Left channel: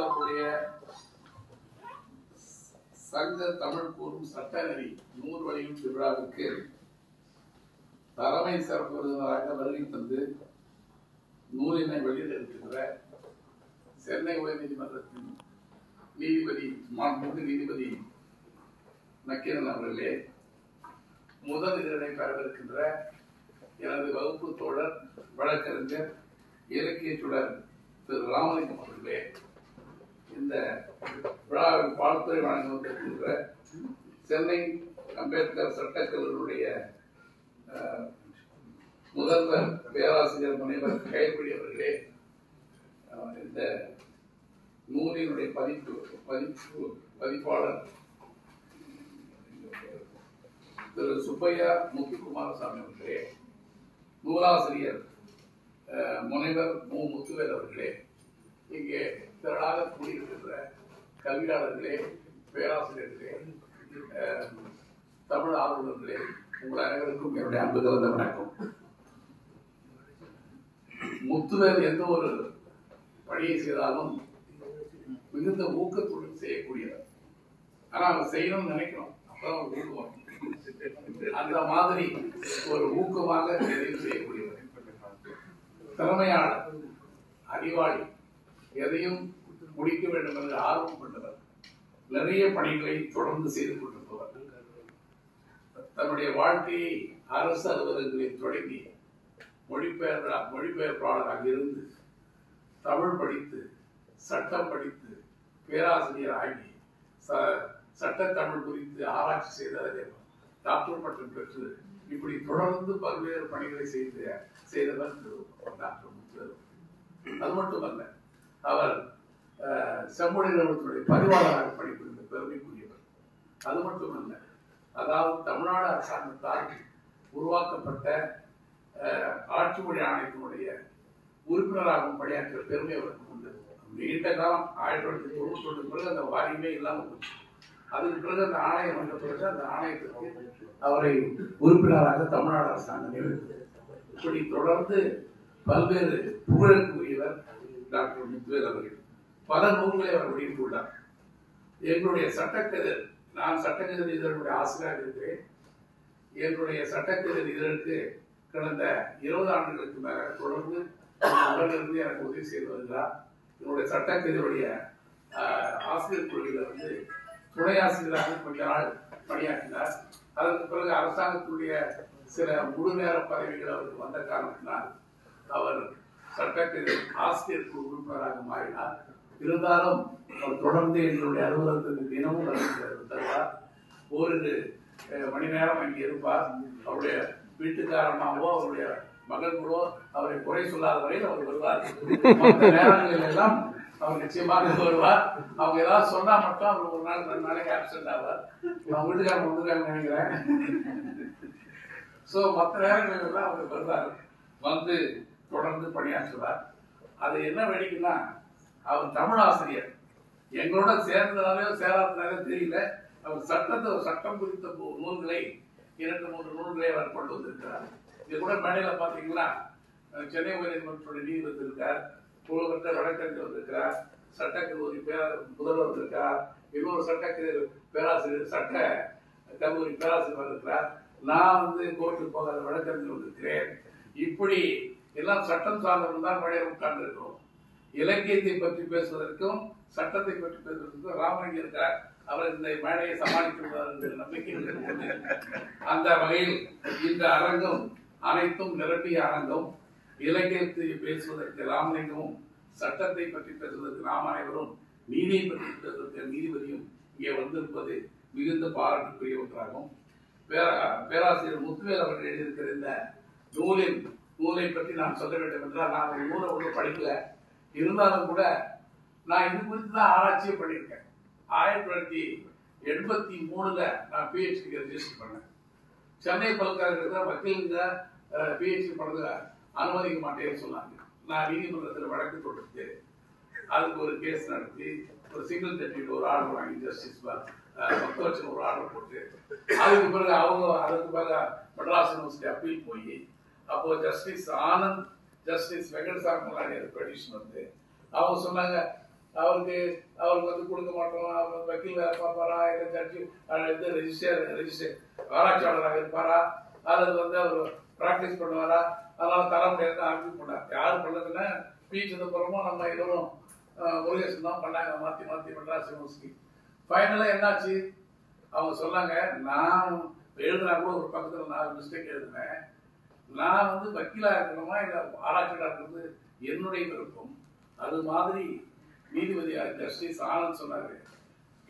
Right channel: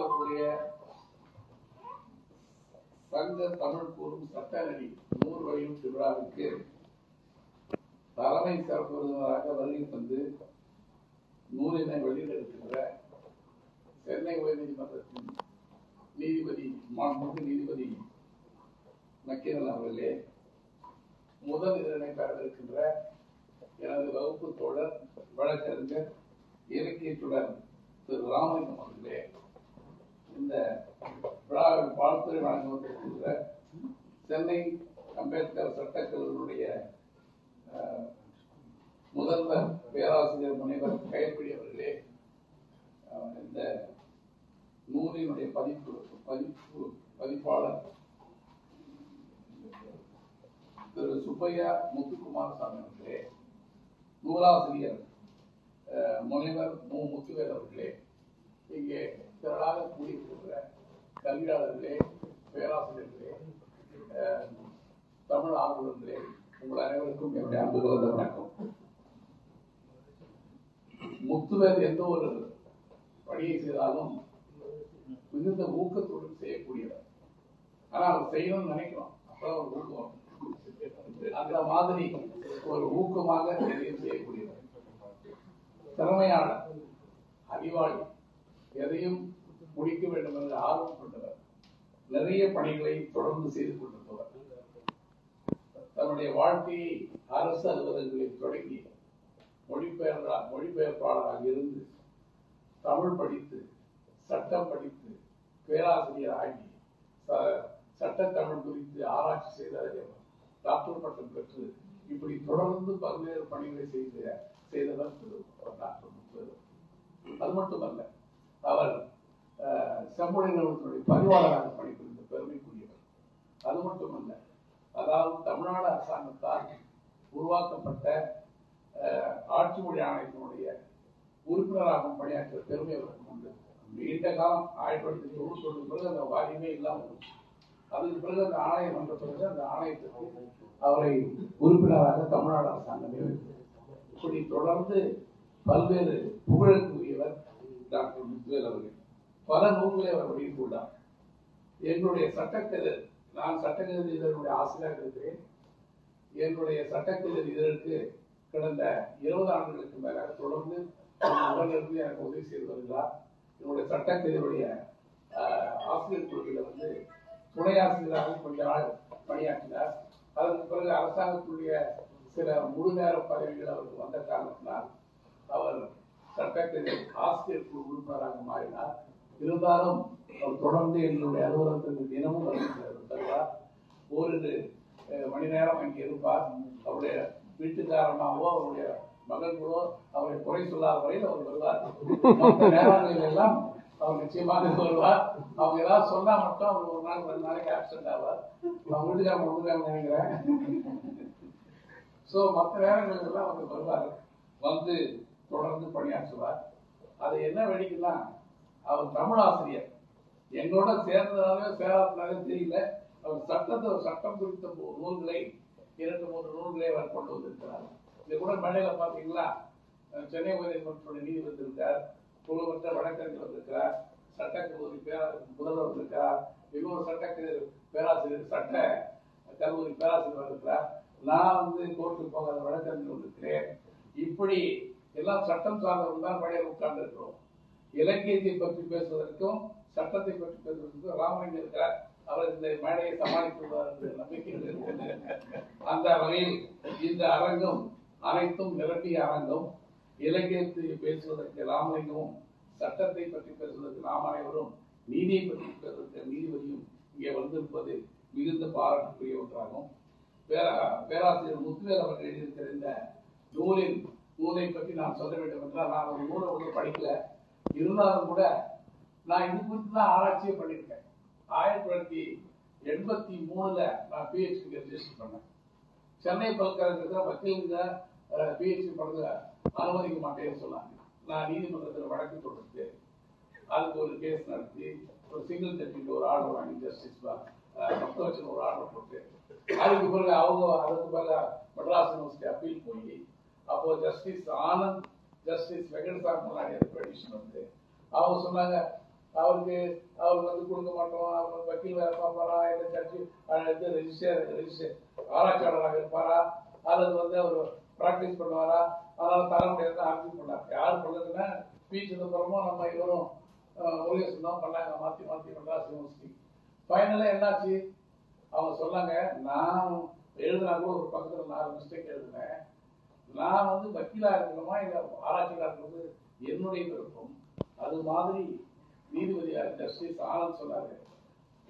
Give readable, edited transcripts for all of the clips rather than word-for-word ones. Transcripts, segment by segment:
அவருடைய சங்க தமிழ் கூறும் சட்டநெறி நூறு வெளியீட்டு விழாவுக்கு தலைமை சிறப்பு விருந்தினராக வருகை தந்து நூலினை வெளியிட்டிருக்கின்ற சென்னை உயர்நீதிமன்றத்தின் மாண்புமிகு நீதிபதி நக்கீரன் அவர்களே, முதல் இதழை பெறவிருக்கின்ற எனது வகுப்பு தோழர் வழக்கறிஞர் இலக்கிய சுடர் திரு ராமலிங்கம் அவர்களே, இந்த விழாவில் வாழ்த்துறை வழங்க வந்திருக்கின்ற சென்னை அம்பேத்கர் சட்டக்கல்லூரியுடைய முதல்வர் பேராசிரியர் முனைவர் கைப்பிடி அவர்களே, இந்த நூலினுடைய பதிப்பாளர் திரு சுப்பையா முத்துக்குமாரசாமி அவர்களே, நூலாசிரியர் முனைவர் மு முத்துவேல் அவர்களே, இங்கே திரளாக கூடியிருக்கின்ற கல்வியாளர்களே, பேராசிரியர்களே, தமிழ் ஆர்வலர்களே, உங்கள் அனைவருக்கும் என்னுடைய அன்பு கலந்த வணக்கம். முத்துவேல் எந்த ஒரு பணியை செய்தாலும் மிகுந்த ஊக்கத்துடன் செய்யக்கூடியவர். ஆனால் அவர் செய்யணும்னு நினைக்கணும், அப்பதான் ஒரு ஊக்கம் வரும். அந்த மாதிரி ஒரு ஊக்கமாக எதையும் செய்யக்கூடியவர், திறமையாளர், அறிவாளி, எதையும் முடிக்க வேண்டும் என்று ஆர்வம் கொண்டவர், நிறைய பணிகளை தொடர்ந்து செய்து கொண்டிருப்பவர். தன்னுடைய வாழ்க்கையை அரசு அலுவலகங்களில் தொடங்கி மொழிபெயர்ப்பாளராக இருந்து தமிழ் படித்து சட்டம் படித்து பேராசிரியர் ஆகி சட்டத்தமிழ் குறித்து ஆராய்ச்சி செய்த டாக்டர் பட்டம் பெற்று இப்படி தொடர்ந்து பல்வேறு பணிகளை செய்தவர் டாக்டர் முத்துவேல். அது மட்டுமல்ல, அவர் செம்மொழி நிறுவனத்துடைய பதிவாளராக பணிபுரிந்த பெருமைக்குரியவர். அது மட்டுமல்ல, அதாவது தமிழ்நாடு அரசாங்கத்தால் உருவாக்கப்பட்ட ஆட்சி மொழி ஆணையத்தினுடைய உறுப்பினராகவும் பணியாற்ற பெருமை அவருக்கு உண்டு. நீண்ட காலம் 1991 பிறகு அந்த வாரியமே இல்லாமல் போச்சு. அதுக்கு பிறகு அந்த ஆணையம் வந்த பிறகு அந்த ஆணையத்திற்கு அவரை உறுப்பினராக தமிழ்நாடு அரசாங்கம் நியமித்தது. இப்படி தொடர்ந்து பல்வேறு புகழுக்கு உரியவர் டாக்டர் முத்துவேல் அவர்கள். பல நூல்களை அவர் வெளியிட்டுள்ளார். என்னுடைய சட்டக்கதிர், நான் சட்டக்கதிர் இதழுடைய ஆசிரியராக இருக்கிறேன். என்னுடைய சட்டக்கதிர் இதழுக்கு கடந்த 20 ஆண்டுகளுக்கு மேல தொடர்ந்து உடலிருந்து எனக்கு உதவி செய்து வருகிறார். என்னுடைய சட்டக்கதிருடைய ஆசிரியர் குழுவில் துணை ஆசிரியராக கொஞ்ச நாள் பணியாற்றினார். அதற்கு பிறகு அரசாங்கத்துடைய சில முழு நேர பதவிகள் அவருக்கு வந்த காரணத்தினால் அவர் சட்டக்கதிர் ஆசிரியர் குழு உறுப்பினராக மாறினார். இருந்தாலும் அவர் தொடர்ந்து எங்களுடைய அலுவலகத்திற்கு தினமும் வருகிறார். ஓரிரு மணி நேரம் அங்கே இருப்பார். அவருடைய வீட்டுக்காரமாகவோ அவருடைய மகள்களோ அவரை குறை சொல்லாத வரையில் அவர் வருவார். மற்ற நேரங்களில் எல்லாம் அவர் நிச்சயமாக வருவார். அவங்க ஏதாவது சொன்னா மட்டும் அவர் ஒரு நாள் 2 நாளைக்கு ஆப்சென்ட் ஆவார். அவங்க வீட்டுக்காரங்க நினைக்கிறேன். ஸோ மற்ற நேரங்களில் எல்லாம் அவர் வருவார், வந்து தொடர்ந்து பணியாற்றுவார். அது என்ன வேடிக்கைன்னா, அவர் தமிழ் ஆசிரியர். எங்களோட சேர்ந்ததாலேயோ சேராதனாலே தெரியல, அவர் சட்டம் குறித்த நூல்களை 2-3 நூல்களை அவர் கொண்டு வந்திருக்கிறார். இது கூட மேடையில பாத்தீங்கன்னா சென்னை உயர்நீதிமன்றத்துடைய நீதிபதி இருக்கார், புகழ்பெற்ற வழக்கறிஞர் வந்திருக்கிறார், சட்டக்கல்லூரி முதல்வர் வந்திருக்கிறார், இன்னொரு சட்டக்கல்லூரி பேராசிரியர் சட்ட கல்லூரி பேராசிரியர் வந்திருக்கிறார். நான் கோர்ட்டுக்கு போகாத வழக்கறிஞர் வந்திருக்கிறேன். இப்படி எல்லாம் சட்டம் சார்ந்தவர்கள் தான் மேடையில் உட்கார்ந்து இருக்கிறோம். இலக்கியத்தை பற்றி பேசுவதற்கும் சட்டத்தை பற்றி பேசுவதற்கும் ராமலிங்கம் இருக்கிறார். அவர் இந்த மேடையை சமாளிக்கிறார் என்ற நம்பிக்கை. அந்த வகையில் இந்த அரங்கம் அனைத்தும் நிரம்பிய அரங்கம். இலக்கியத்தை பேசுவதற்கு ராமலிங்கமும், சட்டத்தை பற்றி பேசுவதற்கு நாம் அனைவரும், நீதியை பற்றி பேசுவதற்கு நீதிபதியும் இங்கே வந்திருப்பது மிகுந்த பாராட்டுக்குரிய ஒன்றாகும். பேராசிரியர் முத்துவேல் அவர்கள் எழுதியிருக்கிற இந்த நூலை பற்றி நான் சொல்ல வேண்டும் என்றால், நான் ஒரு நூலை ஒன்று படிக்கல. இருந்தாலும் கூட நான் இது குறித்து தான் ஆராய்ச்சியே பண்ணியிருக்கேன். 1983 நான் பிஹெச்டி ரெஜிஸ்டர் பண்ணேன். சென்னை பல்கலைக்கழகத்தில் வக்கீலுங்க பிஹெச்டி பண்ணது அனுமதிக்க மாட்டேன்னு சொன்னாங்க. நான் நீதிமன்றத்தில் வழக்கு தொடுத்து அதுக்கு ஒரு கேஸ் நடத்தி ஒரு சிங்கிள் ஜட்ஜில் ஒரு ஆர்டர் வாங்கி ஜஸ்டிஸ் மொத்தவச்சன் ஒரு ஆர்டர் போட்டு அதுக்கு பிறகு அதுக்கு பிறகு மெட்ராஸ் யூனிவர்சிட்டி அப்பீல் போய் அப்போ justice Anand, justice Venkatasamy petition அவங்க சொன்னாங்க, அவருக்கு அவருக்கு கொடுக்க மாட்டோம், அவர் வக்கீல் வேலை பார்ப்பாரா, இல்லை ஜட்ஜி ரெஜிஸ்டர் ஆராய்ச்சியாளராக இருப்பாரா, அல்லது அவர் ப்ராக்டிஸ் பண்ணுவாரா, அதனால தர முடியாது ஆர்கியூ பண்ணார். யார் பண்ணதுன்னா பி. சிதம்பரமும் நம்ம இவரும் முருகேசன் தான் பண்ணாங்க, மாற்றி மாற்றி மெட்ராஸ் யூனிவர்சிட்டி. ஃபைனலாக என்னாச்சு, அவங்க சொன்னாங்க, நான் எழுதுனா கூட ஒரு பக்கத்தில் நான் மிஸ்டேக் எழுதுனேன், நான் வக்கீலா இருக்கணுமா இல்லை ஆராய்ச்சியாளர் இருக்கிறது என்னுடைய விருப்பம். அது மாதிரி நீதிபதியாக ஜஸ்டிஸ் ஆனந்த் சொன்னாரு,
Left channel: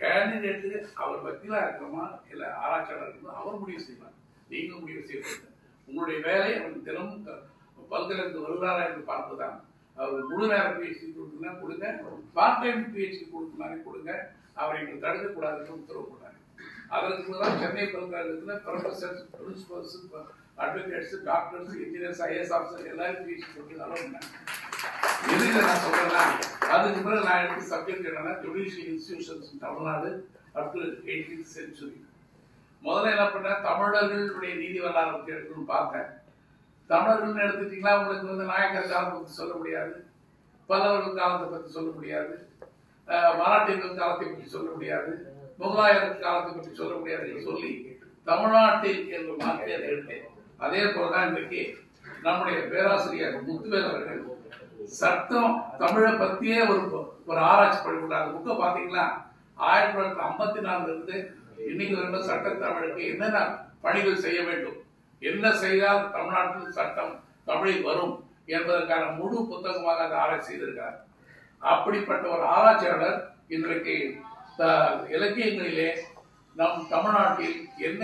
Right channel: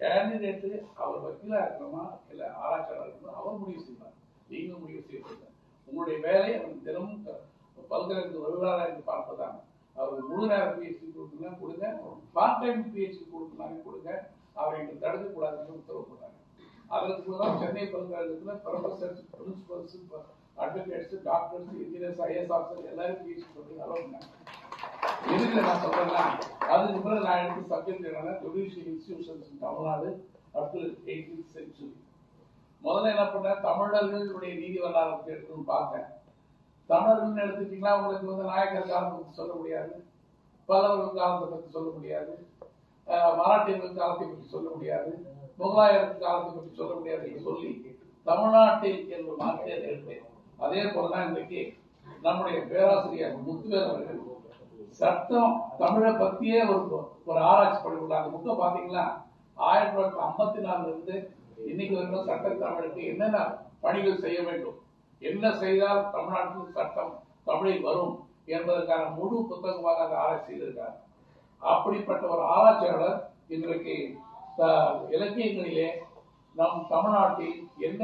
கேண்டிடேட்டு அவர் வக்கீலா இருக்கணுமா இல்லை ஆராய்ச்சியாளர் இருக்கணும் அவர் முடிவு செய்யலாம், நீங்களும் முடிவு செய்யறது. உங்களுடைய வேலை அவருக்கு தினமும் பல்கலைக்கு வருகிறாரா என்று பார்ப்பதுதான். அவர் முழு நேர பிஹெச்டி கொடுக்குன்னா கொடுங்க, பார்ட் டைம் பிஹெச்டி கொடுக்குனாலே கொடுங்க, அவரை எங்களுக்கு தடுக்கக்கூடாதுன்னு உத்தரவு போட்டாங்க. அதற்கு தான் சென்னை பல்கலைக்கழகத்தில் professors, principles, advocates, doctors, engineers, IAS officer எல்லாரும் பிஹெச்டி கொடுத்து அலோன்னாங்க. எதுக்கு நான் சொல்றேன்னா, அதுக்கு பிறகு நான் எனக்கு சப்ஜெக்ட் என்னன்னா judicial institutions Tamil Nadu up to 18th century. முதல்ல என்ன பண்ணேன், தமிழர்களுடைய நீதி வரலாறு பற்றி எடுக்கணும்னு பார்த்தேன். தமிழர்கள் எடுத்துட்டீங்கன்னா உங்களுக்கு நாயக்கர் காலத்தை பற்றி சொல்ல முடியாது, பல்லவர்கள் காலத்தை பற்றி சொல்ல முடியாது, மராட்டியர்கள் காலத்தை பற்றி சொல்ல முடியாது, முகலாயர்கள் காலத்தை பற்றி சொல்ல முடியாது என்று சொல்லி தமிழ்நாட்டில் என்று மாற்றி அதை எடுத்தேன். அதே போலதான் இன்றைக்கு நம்முடைய பேராசிரியர் முத்துவேல் அவர்கள் சட்டம் தமிழை பற்றியே ஒரு ஆராய்ச்சி பண்ணிவிட்டாங்க. அந்த புக்கை பார்த்தீங்கன்னா 1954 இருந்து இன்னைக்கு வரைக்கும் சட்ட தமிழுக்கு என்னென்ன பணிகள் செய்ய வேண்டும், என்ன செய்தால் தமிழ்நாட்டில் சட்டம் தமிழில் வரும் என்பதற்கான முழு புத்தகமாக அந்த ஆராய்ச்சி செய்திருக்கிறார். அப்படிப்பட்ட ஒரு ஆராய்ச்சியாளர் இன்றைக்கு இலக்கியங்களிலே நம் தமிழ்நாட்டில் என்ன